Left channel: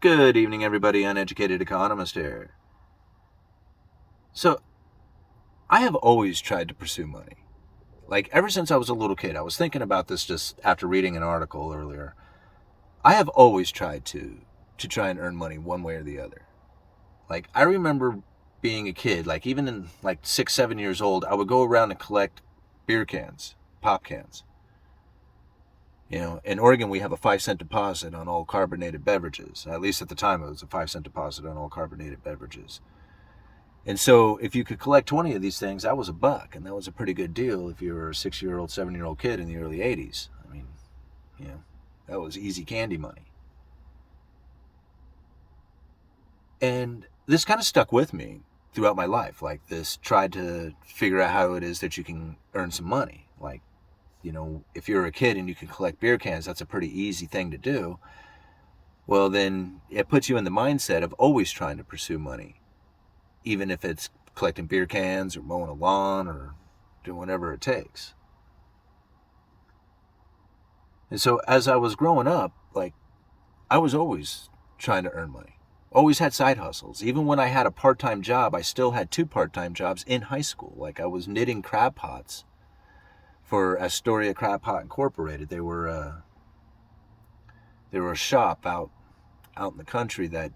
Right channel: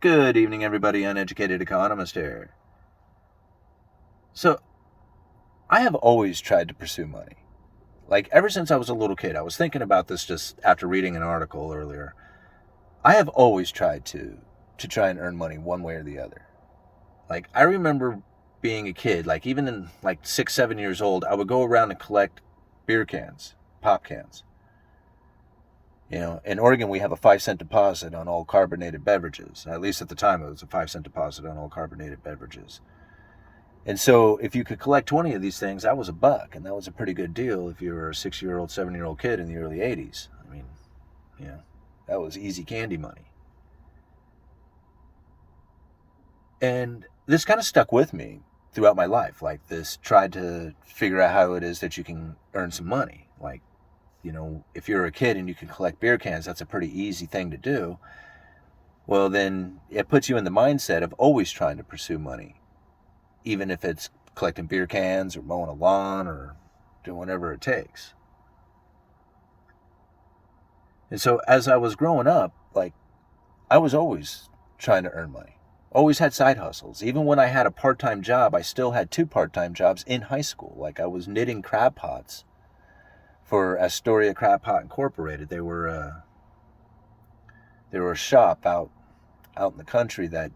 Good evening, everybody. Uneducated economist here. So, I have always tried to pursue money. Like, ever since I was a little kid, I was thinking about this just after reading an article earlier. I have always tried to try and earn money one way or the other. Like, I remember being a kid, like, even in like 6, 7 years old, I would go around and collect beer cans, pop cans. In Oregon, we have a 5 cent deposit on all carbonated beverages. At least at the time, it was a 5 cent deposit on all carbonated beverages. And so if you could collect 20 of these things, that was $1. And that was a pretty good deal if you were a 6-year-old, 7-year-old kid in the early 80s. I mean, you know, that was easy candy money. And this kind of stuck with me throughout my life. Like this, tried to figure out how it is that you can earn some money. Like, if you're a kid and you can collect beer cans, that's a pretty easy thing to do. Well, then it puts you in the mindset of always trying to pursue money, even if it's collecting beer cans or mowing a lawn or doing whatever it takes. And so as I was growing up, like I was always trying to earn money. Always had side hustles. Even when I had a part-time job, I still had two part-time jobs in high school. Like I was knitting crab pots for Astoria Crab Pot Incorporated. They were a shop out in the country that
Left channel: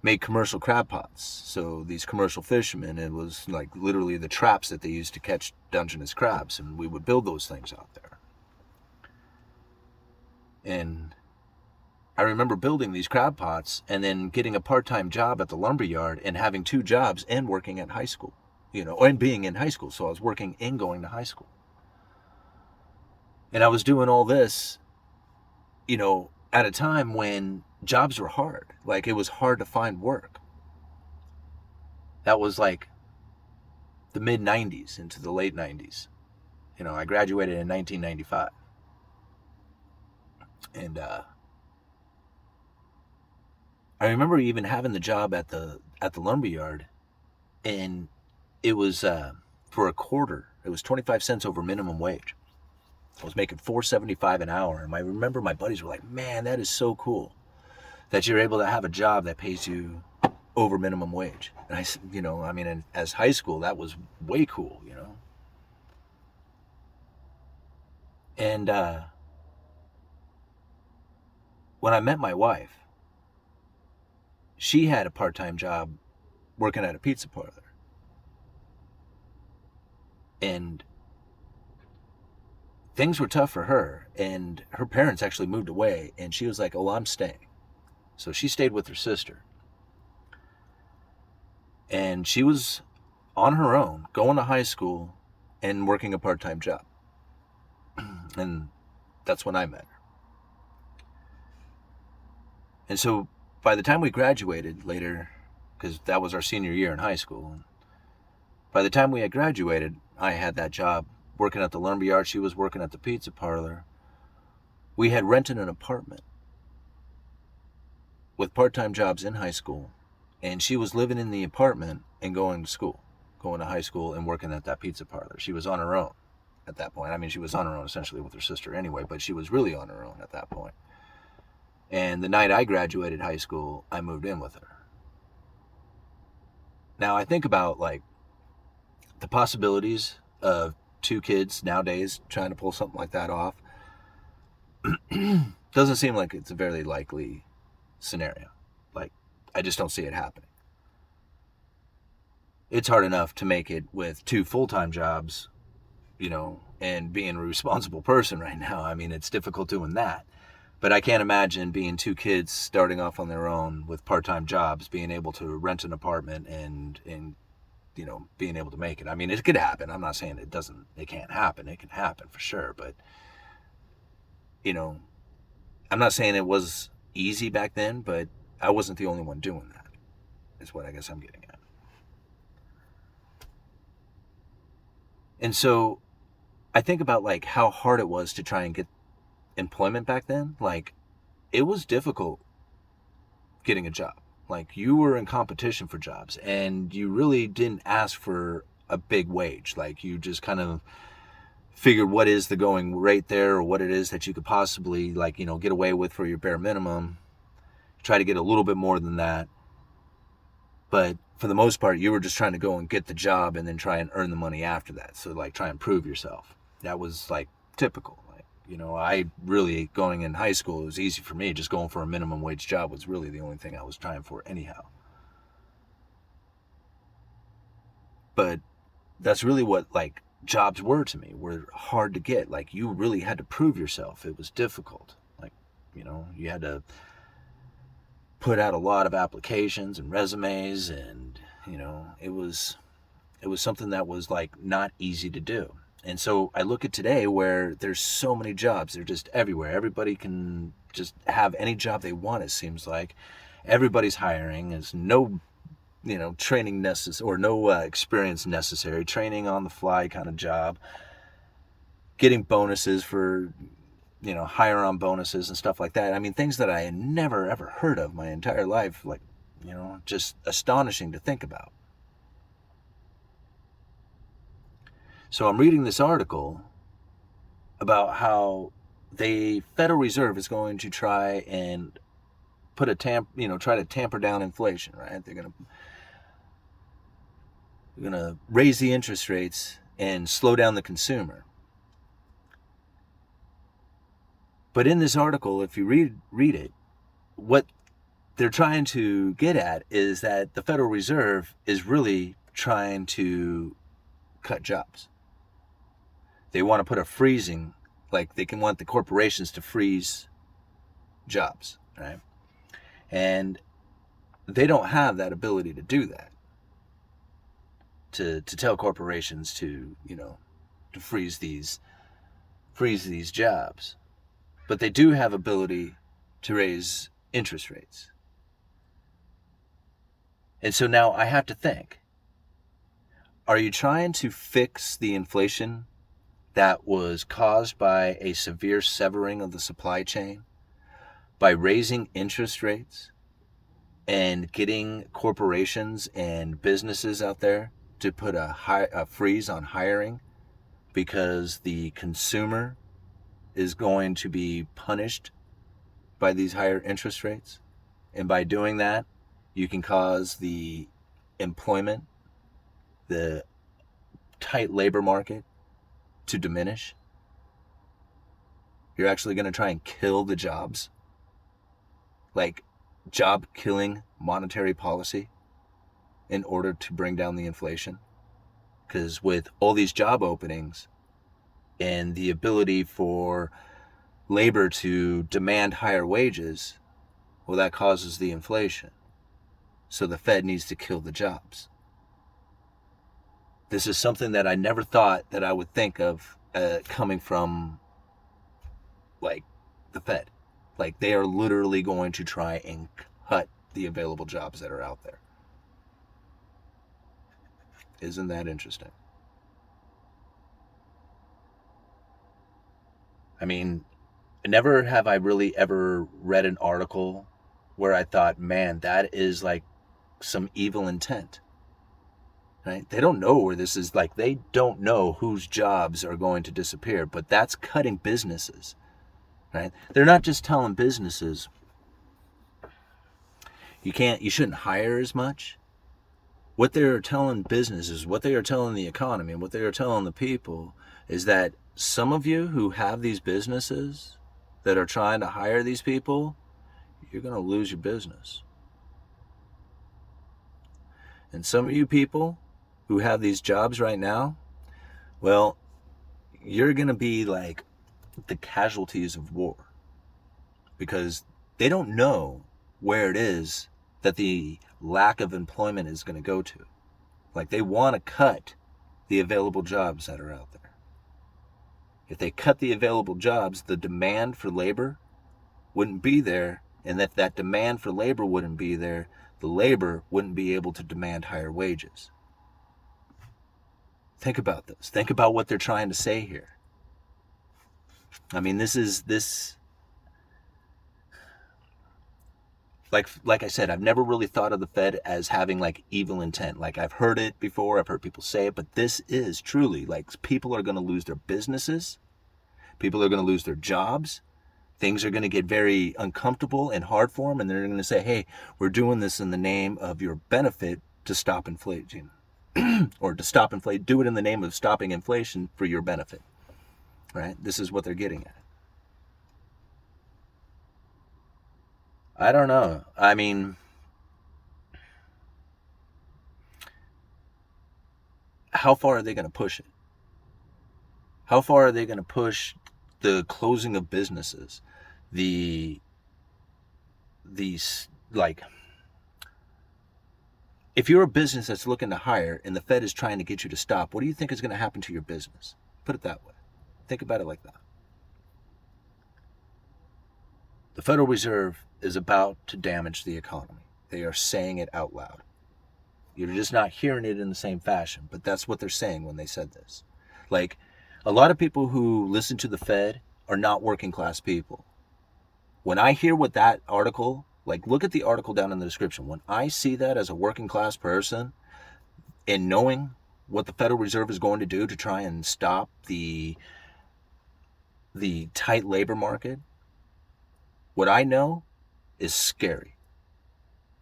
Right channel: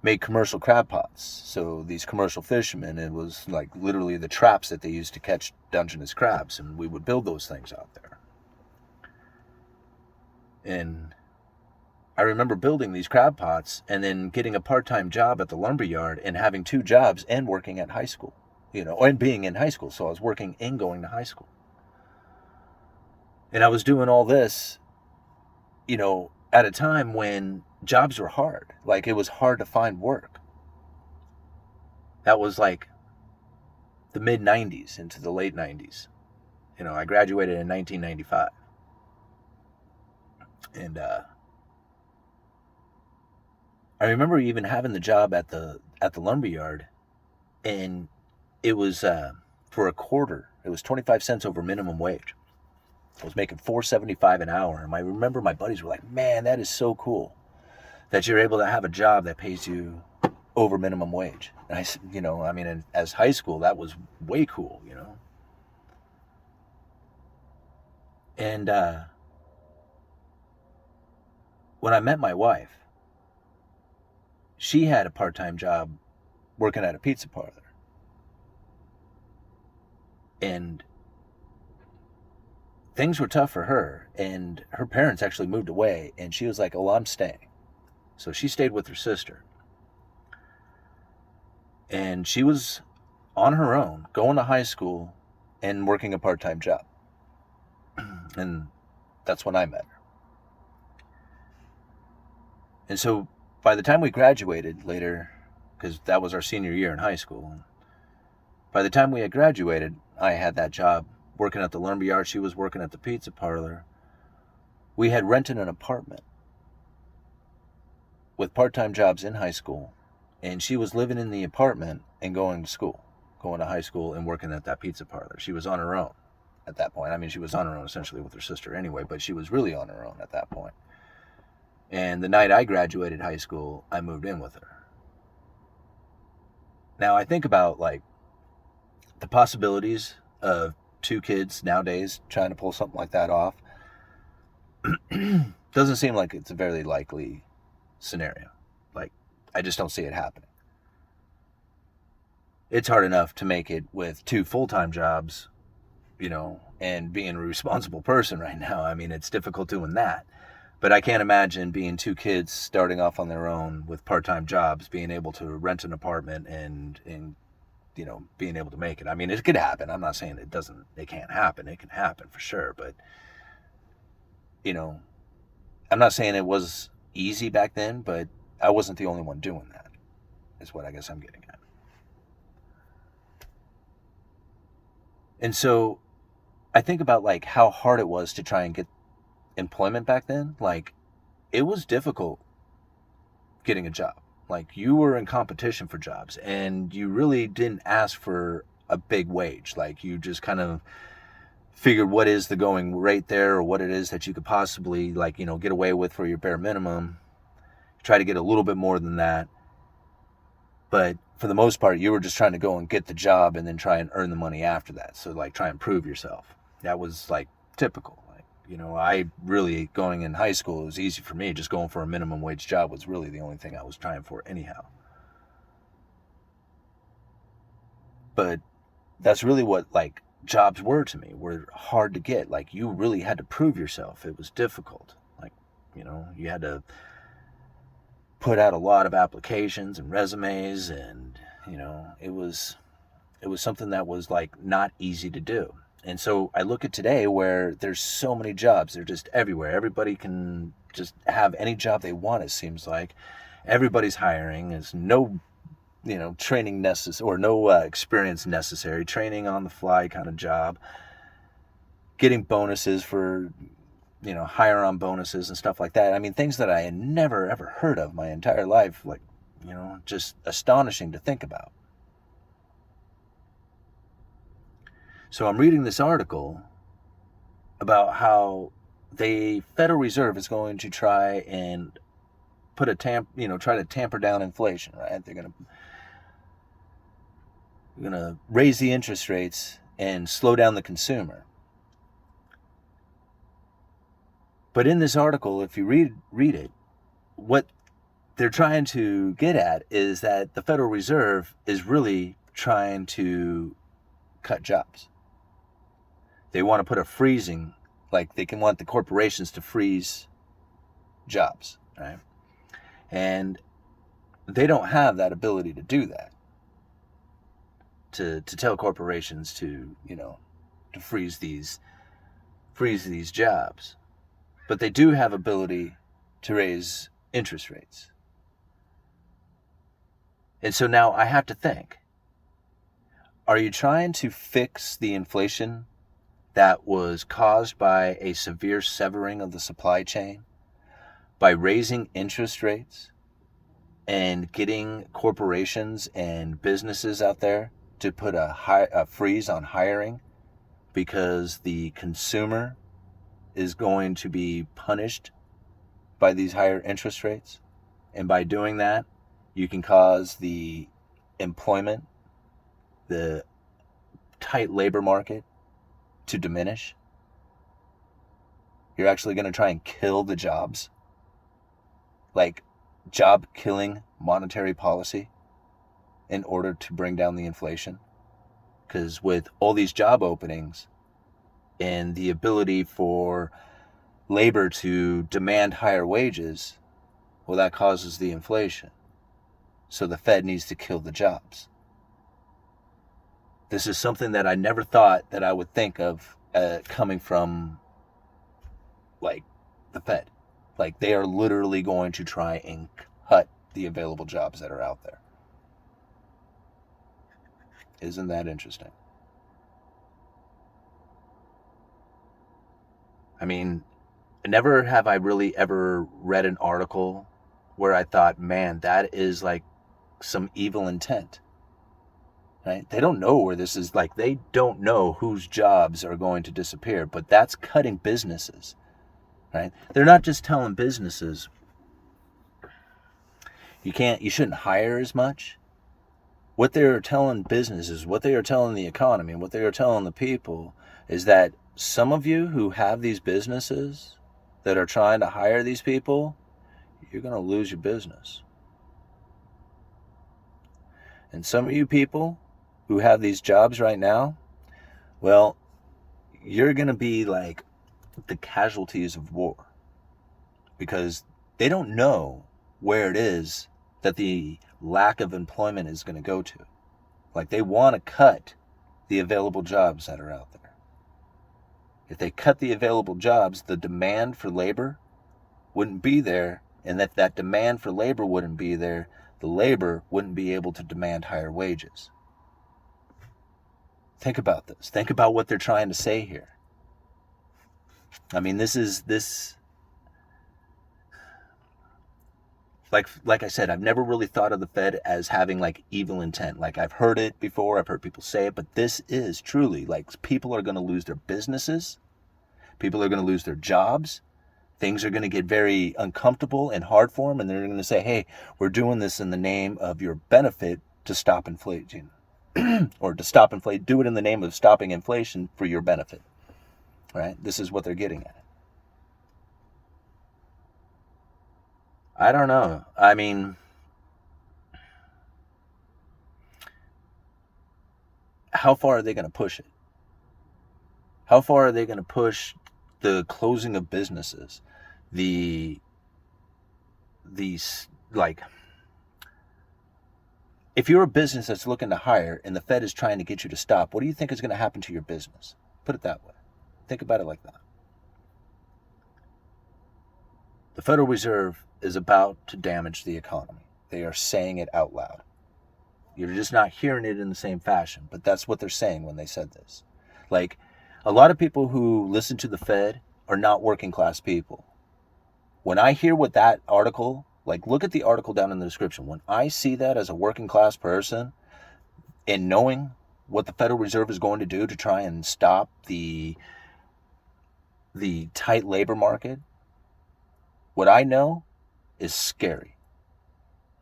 made commercial crab pots. So these commercial fishermen, it was like literally the traps that they used to catch Dungeness crabs, and we would build those things out there. And I remember building these crab pots and then getting a part-time job at the lumber yard and having two jobs and working at high school, and being in high school. So I was working and going to high school. And I was doing all this, at a time when jobs were hard. Like it was hard to find work. That was like the mid 90s into the late 90s. I graduated in 1995. And I remember even having the job at the lumber yard, and it was for a quarter. It was 25 cents over minimum wage. I was making $4.75 an hour, and I remember my buddies were like, "Man, that is so cool that you're able to have a job that pays you over minimum wage." And I said, I mean, as high school, that was way cool. And when I met my wife, she had a part-time job working at a pizza parlor, and things were tough for her, and her parents actually moved away, and she was like, "Oh, I'm staying." So she stayed with her sister, and she was on her own going to high school and working a part-time job. And that's when I met her. And so by the time we graduated later, because that was our senior year in high school, by the time we had graduated, I had that job working at the lumber yard. She was working at the pizza parlor. We had rented an apartment with part-time jobs in high school, and she was living in the apartment and going to school, going to high school and working at that pizza parlor. She was on her own at that point. I mean, she was on her own essentially with her sister anyway, but she was really on her own at that point. And the night I graduated high school, I moved in with her. Now I think about like the possibilities of two kids nowadays trying to pull something like that off. Doesn't seem like it's a very likely scenario. Like, I just don't see it happening. It's hard enough to make it with two full-time jobs, and being a responsible person right now. I mean, it's difficult doing that. But I can't imagine being two kids starting off on their own with part-time jobs, being able to rent an apartment and being able to make it. I mean, it could happen. I'm not saying it can't happen. It can happen for sure. But, you know, I'm not saying it was easy back then, but I wasn't the only one doing that, is what I guess I'm getting at. And so I think about like how hard it was to try and get employment back then. Like, it was difficult getting a job. Like, you were in competition for jobs and you really didn't ask for a big wage. Like, you just kind of figured what is the going rate there, or what it is that you could possibly, like, get away with for your bare minimum. try to get a little bit more than that. But for the most part, you were just trying to go and get the job and then try and earn the money after that. So like try and prove yourself. That was like typical. Like, I really, going in high school, it was easy for me. Just going for a minimum wage job was really the only thing I was trying for anyhow. But that's really what like jobs were to me, were hard to get. Like you really had to prove yourself. It was difficult. Like, you had to put out a lot of applications and resumes, and it was something that was like not easy to do. And so I look at today where there's so many jobs. They're just everywhere. Everybody can just have any job they want, it seems like. Everybody's hiring. There's no training necessary, or no experience necessary. Training on the fly kind of job. Getting bonuses for hire on bonuses and stuff like that. I mean, things that I had never ever heard of my entire life. Like, just astonishing to think about. So I'm reading this article about how the Federal Reserve is going to try and try to tamper down inflation, right? They're going to raise the interest rates and slow down the consumer. But in this article, if you read it, what they're trying to get at is that the Federal Reserve is really trying to cut jobs. They want to put a freezing, like they can want the corporations to freeze jobs, right? And they don't have that ability to do that. To tell corporations to freeze these jobs. But they do have ability to raise interest rates. And so now I have to think, are you trying to fix the inflation that was caused by a severe severing of the supply chain by raising interest rates and getting corporations and businesses out there to put a freeze on hiring because the consumer is going to be punished by these higher interest rates? And by doing that, you can cause the employment, the tight labor market to diminish. You're actually going to try and kill the jobs, like job killing monetary policy, in order to bring down the inflation. Because with all these job openings and the ability for labor to demand higher wages, well, that causes the inflation. So the Fed needs to kill the jobs. This is something that I never thought that I would think of coming from, like, the Fed. Like, they are literally going to try and cut the available jobs that are out there. Isn't that interesting? I mean, never have I really ever read an article where I thought, man, that is like some evil intent. Right? They don't know where this is, like, they don't know whose jobs are going to disappear, but that's cutting businesses, right? They're not just telling businesses, you shouldn't hire as much. What they're telling businesses, what they are telling the economy, and what they are telling the people is that some of you who have these businesses that are trying to hire these people, you're going to lose your business. And some of you people who have these jobs right now, well, you're going to be like the casualties of war, because they don't know where it is that the lack of employment is going to go to. Like, they want to cut the available jobs that are out there. If they cut the available jobs, the demand for labor wouldn't be there, and if that demand for labor wouldn't be there, the labor wouldn't be able to demand higher wages. Think about this. Think about what they're trying to say here. I mean, like I said, I've never really thought of the Fed as having like evil intent. Like, I've heard it before, I've heard people say it, but this is truly like, people are going to lose their businesses, people are going to lose their jobs, Things are going to get very uncomfortable and hard for them, and they're going to say, hey, we're doing this in the name of your benefit to stop inflation. Or to stop inflation, do it in the name of stopping inflation for your benefit. Right? This is what they're getting at. I don't know. I mean, how far are they going to push it? How far are they going to push the closing of businesses? The these like if you're a business that's looking to hire and the Fed is trying to get you to stop, what do you think is going to happen to your business? Put it that way. Think about it like that. The Federal Reserve is about to damage the economy. They are saying it out loud. You're just not hearing it in the same fashion, but that's what they're saying when they said this. Like, a lot of people who listen to the Fed are not working class people. When I hear what that article, like, look at the article down in the description. When I see that as a working class person and knowing what the Federal Reserve is going to do to try and stop the tight labor market, what I know is scary.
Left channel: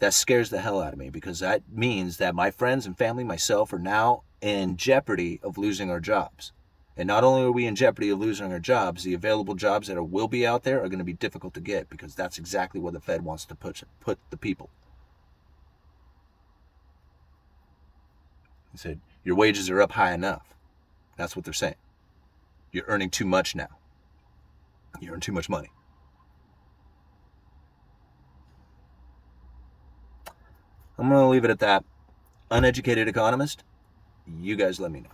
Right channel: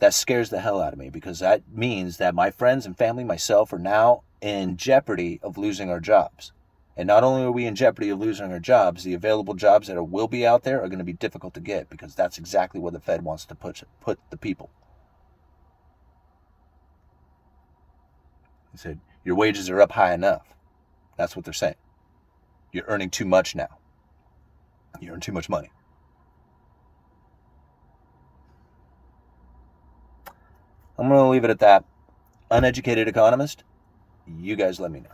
That scares the hell out of me, because that means that my friends and family, myself, are now in jeopardy of losing our jobs. And not only are we in jeopardy of losing our jobs, the available jobs that will be out there are going to be difficult to get, because that's exactly where the Fed wants to put the people. He said, your wages are up high enough. That's what they're saying. You're earning too much now. You earn too much money. I'm going to leave it at that. Uneducated economist, you guys let me know.